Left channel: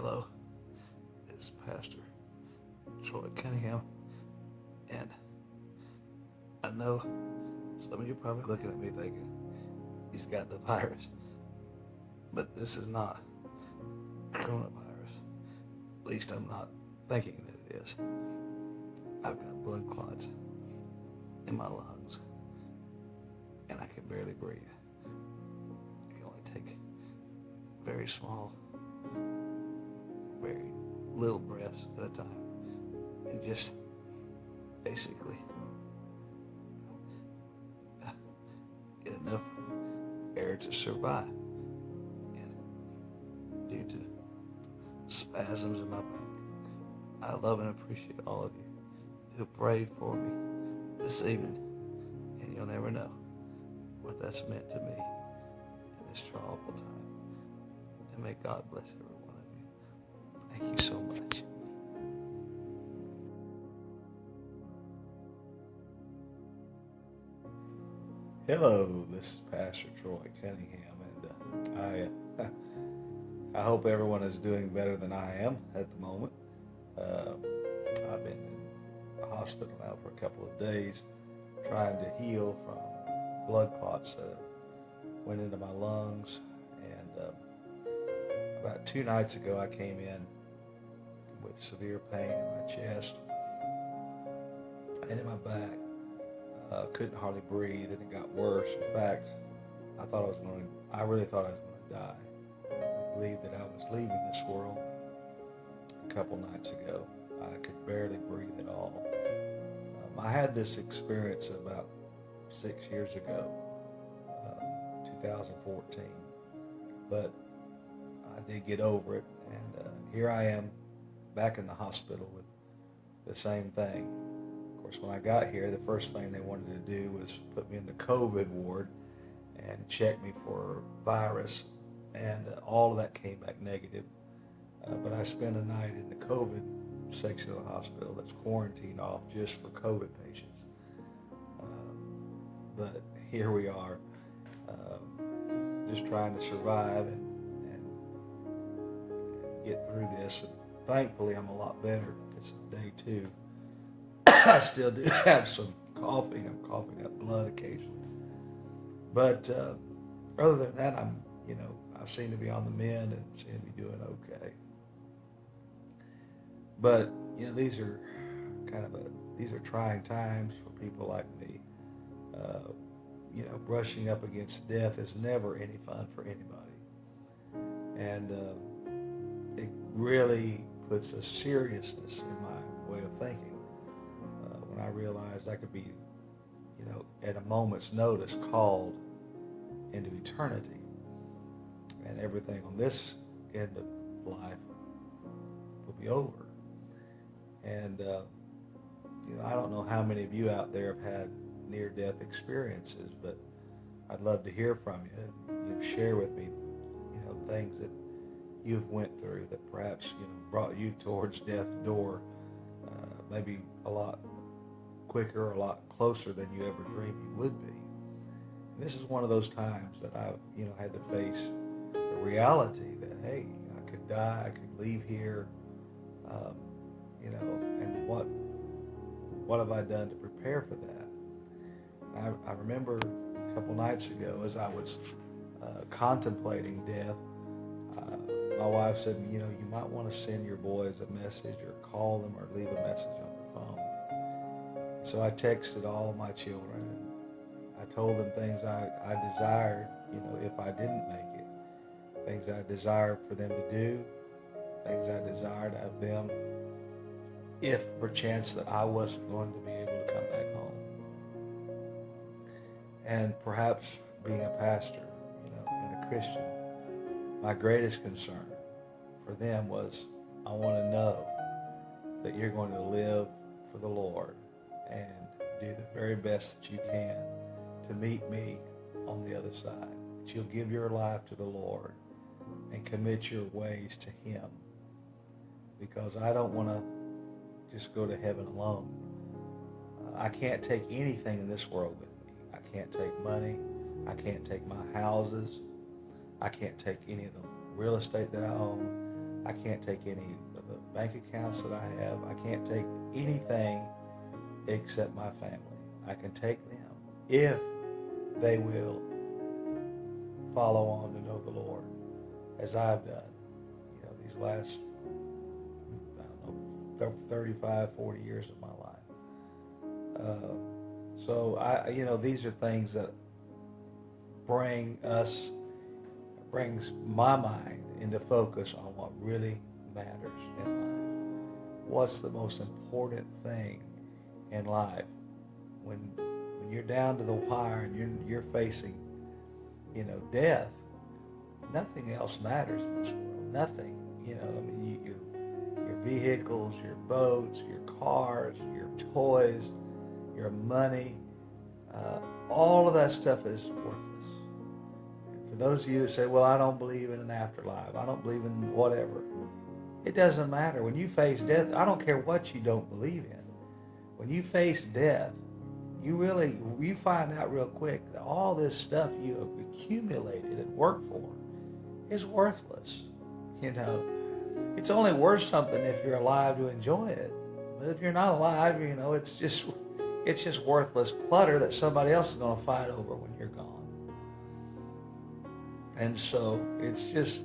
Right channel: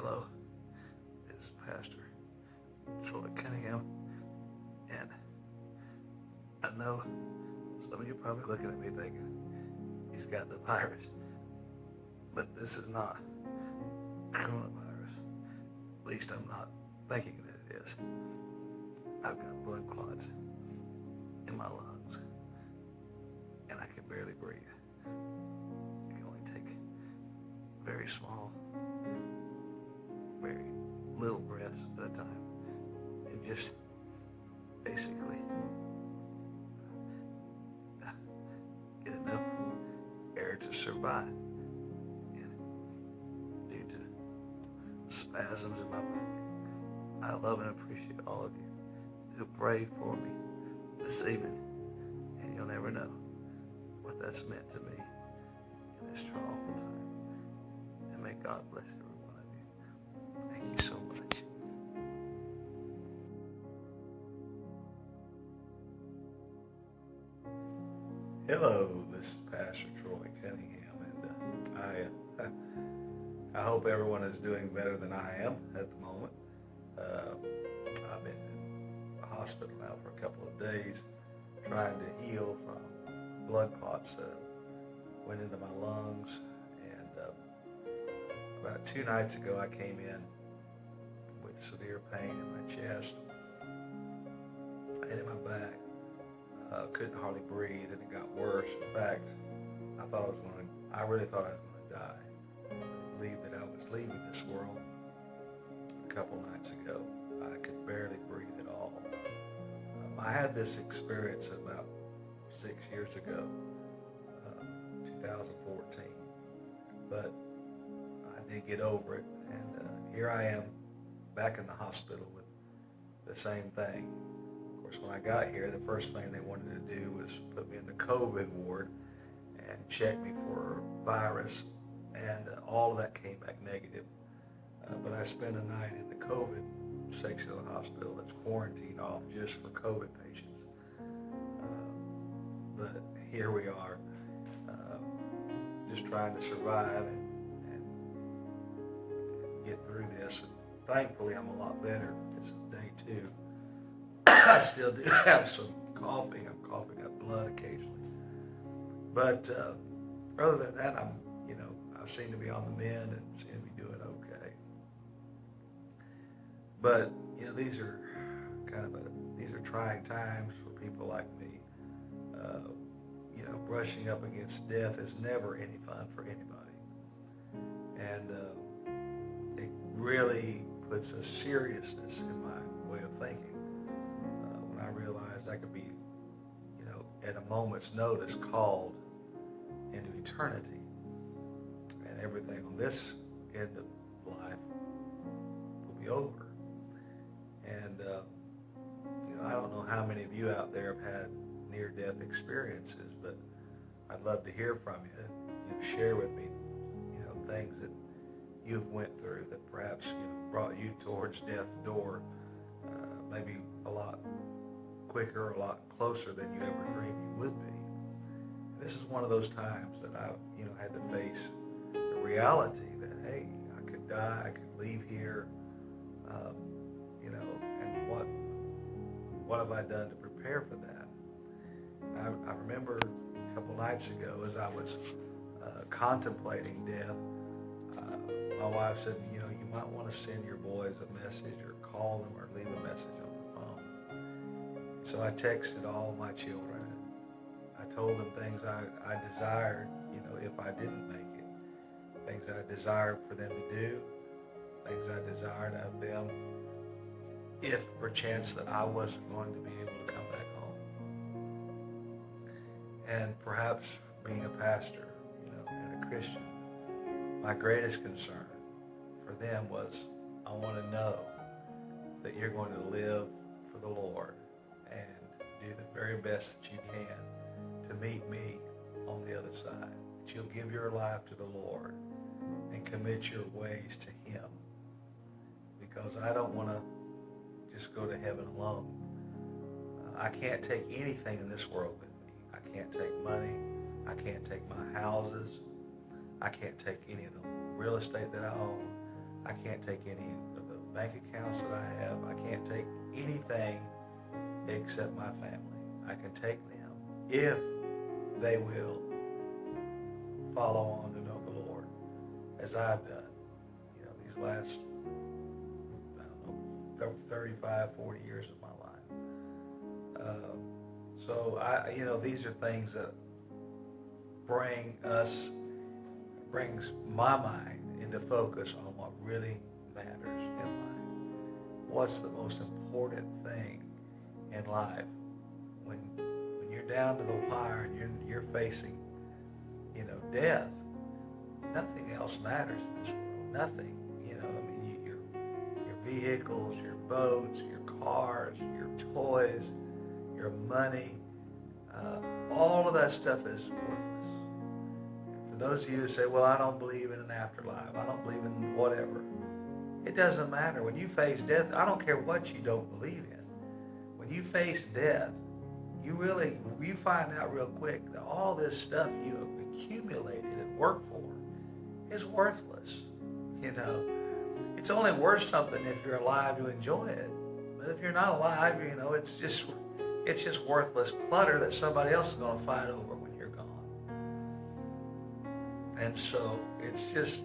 Hello, it's Pastor Troy Cunningham, and I know some of you are probably looking at me thinking, he's got the virus, but this is not coronavirus. At least I'm not thinking that it is. I've got blood clots in my lungs, and I can barely breathe. I can only take very small, very little breaths at a time, and just basically get enough air to survive. And due to spasms in my back, I love and appreciate all of you who prayed for me this evening, and you'll never know what that's meant to me in this troubled time. And may God bless every one of you. Thank you so much. Hello, this is Pastor Troy Cunningham, and I hope everyone is doing better than I am at the moment. I've been in the hospital now for a couple of days, trying to heal from blood clots that went into my lungs. And about 2 nights ago, I came in with severe pain in my chest and in my back. Couldn't hardly breathe, and it got worse. In fact, I really thought I was going to die. I believed that I was leaving this world a couple nights ago. I could barely breathe at all. I had this experience about 6 years ago, 2014, but I did get over it, and here I am back in the hospital with the same thing. Of course, when I got here, the first thing they wanted to do was put me in the COVID ward and check me for virus, and all of that came back negative. But I spent a night in the COVID section of the hospital that's quarantined off just for COVID patients. But here we are, just trying to survive and get through this. And thankfully, I'm a lot better. This is day 2. I still do have some coughing. I'm coughing up blood occasionally. But other than that, I seem to be on the mend and seem to be doing okay. But these are these are trying times for people like me. Brushing up against death is never any fun for anybody, and it really puts a seriousness in my way of thinking. When I realized I could be, at a moment's notice called into eternity, and everything on this end of life will be over. And I don't know how many of you out there have had near-death experiences, but I'd love to hear from you. You share with me, things that you've went through that perhaps brought you towards death's door, maybe a lot quicker, a lot closer than you ever dreamed you would be. This is one of those times that I've had to face the reality that, hey, I could die, I could leave here, and what have I done to prepare for that? I remember a couple nights ago as I was contemplating death, my wife said, you might want to send your boys a message or call them or leave a message on the phone. So I texted all my children, and I told them things I desired, if I didn't make it, things I desired for them to do, things I desired of them if perchance that I wasn't going to be able to come back home. And perhaps being a pastor, and a Christian, my greatest concern for them was, I want to know that you're going to live for the Lord and do the very best that you can to meet me on the other side. That you'll give your life to the Lord and commit your ways to Him. Because I don't want to just go to heaven alone. I can't take anything in this world with me. I can't take money. I can't take my houses. I can't take any of the real estate that I own. I can't take any of the bank accounts that I have. I can't take anything except my family. I can take them if they will follow on to know the Lord as I've done, these last, 35, 40 years of my life. So these are things that brings my mind into focus on what really matters in life. What's the most important thing in life? When you're down to the wire and you're facing, death, nothing else matters in this world. Nothing. Your vehicles, your boats, your cars, your toys, your money, all of that stuff is worthless. For those of you who say, well, I don't believe in an afterlife, I don't believe in whatever, it doesn't matter. When you face death, I don't care what you don't believe in. When you face death, you find out real quick that all this stuff you have accumulated and worked for is worthless. It's only worth something if you're alive to enjoy it. But if you're not alive, it's just worthless clutter that somebody else is going to fight over when you're gone. And so it's just,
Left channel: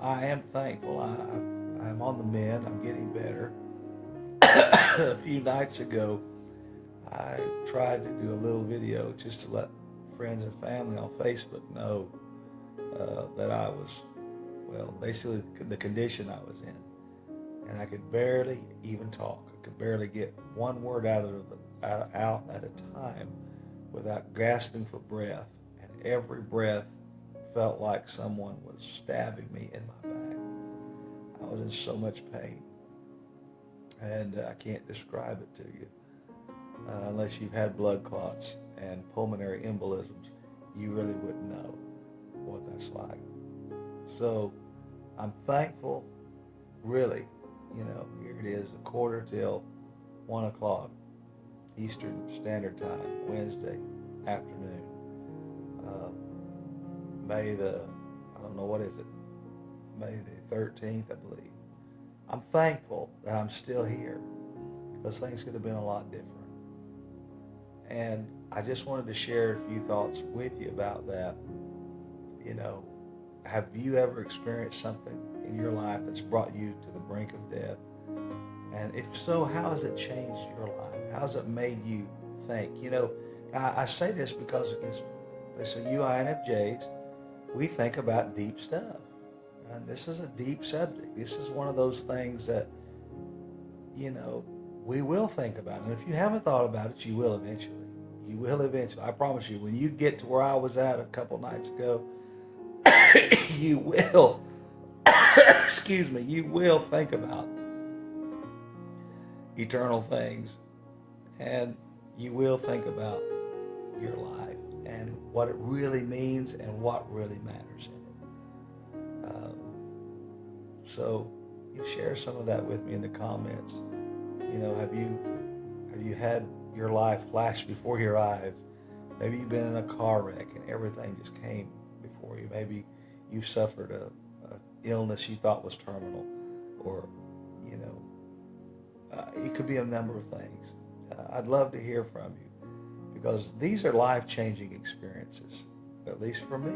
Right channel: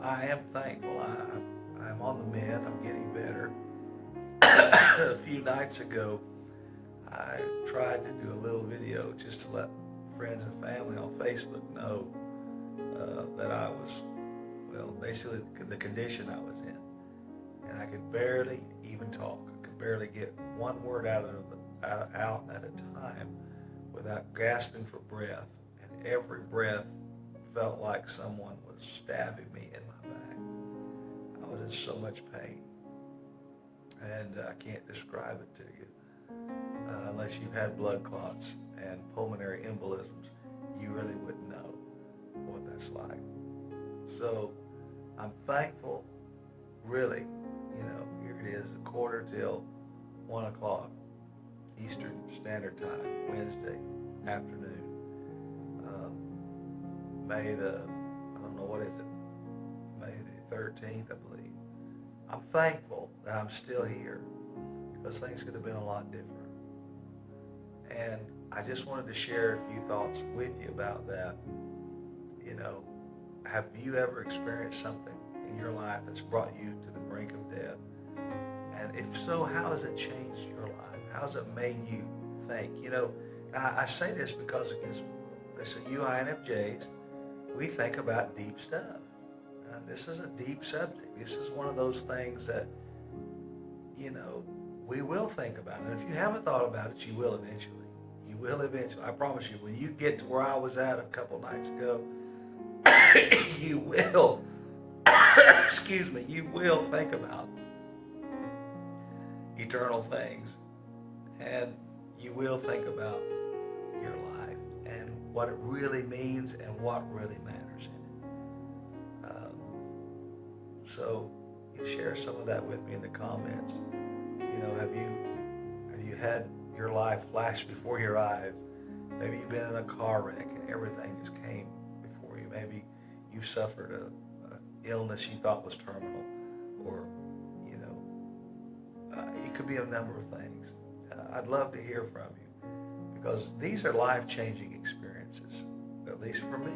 I am thankful. I'm on the mend. I'm getting better. A few nights ago, I tried to do a little video just to let friends and family on Facebook know that I was, basically the condition I was in. And I could barely even talk. I could barely get one word out at a time without gasping for breath. And every breath felt like someone was stabbing me in my back. I was in so much pain. And I can't describe it to you. Unless you've had blood clots and pulmonary embolisms, you really wouldn't know what that's like. So I'm thankful, really. Here it is, 1:45 Eastern Standard Time, Wednesday afternoon. May the 13th, I believe. I'm thankful that I'm still here, because things could have been a lot different. And I just wanted to share a few thoughts with you about that. Have you ever experienced something in your life that's brought you to the brink of death? And if so, how has it changed your life? How has it made you think? I say this because you INFJs, we think about deep stuff. And this is a deep subject. This is one of those things that, we will think about. And if you haven't thought about it, you will eventually. You will eventually. I promise you, when you get to where I was at a couple nights ago, you will, you will think about eternal things. And you will think about your life and what it really means and what really matters. So share some of that with me in the comments. Have you had your life flash before your eyes? Maybe you've been in a car wreck and everything just came before you. Maybe you suffered a illness you thought was terminal, or it could be a number of things. I'd love to hear from you, because these are life-changing experiences, at least for me.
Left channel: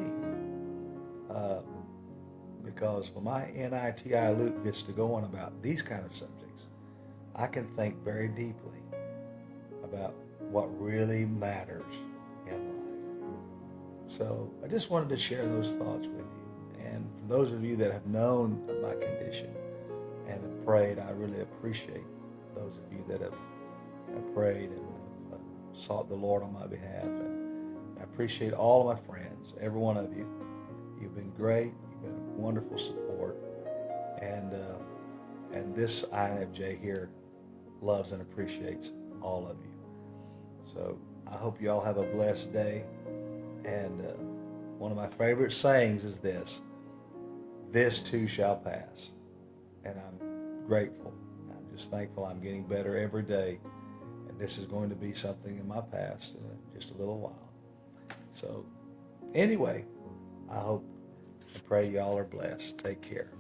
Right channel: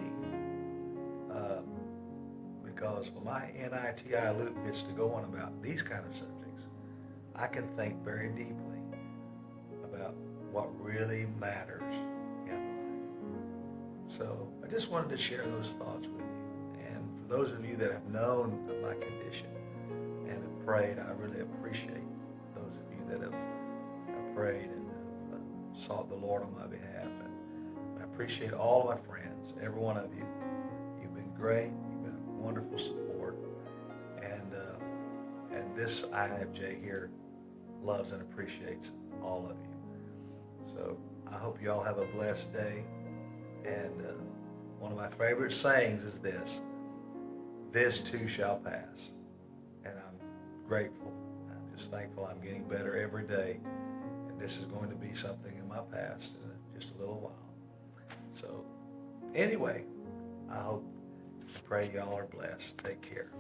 Because when my NITI loop gets to going about these kind of subjects, I can think very deeply about what really matters in life. So I just wanted to share those thoughts with you. And for those of you that have known my condition and have prayed, I really appreciate those of you that have prayed and have sought the Lord on my behalf. And I appreciate all of my friends, every one of you. You've been great. You've been a wonderful support. And this INFJ here loves and appreciates all of you. So I hope you all have a blessed day. And one of my favorite sayings is this too shall pass. And I'm grateful. I'm just thankful I'm getting better every day. And this is going to be something in my past in just a little while. So anyway, I pray y'all are blessed. Take care.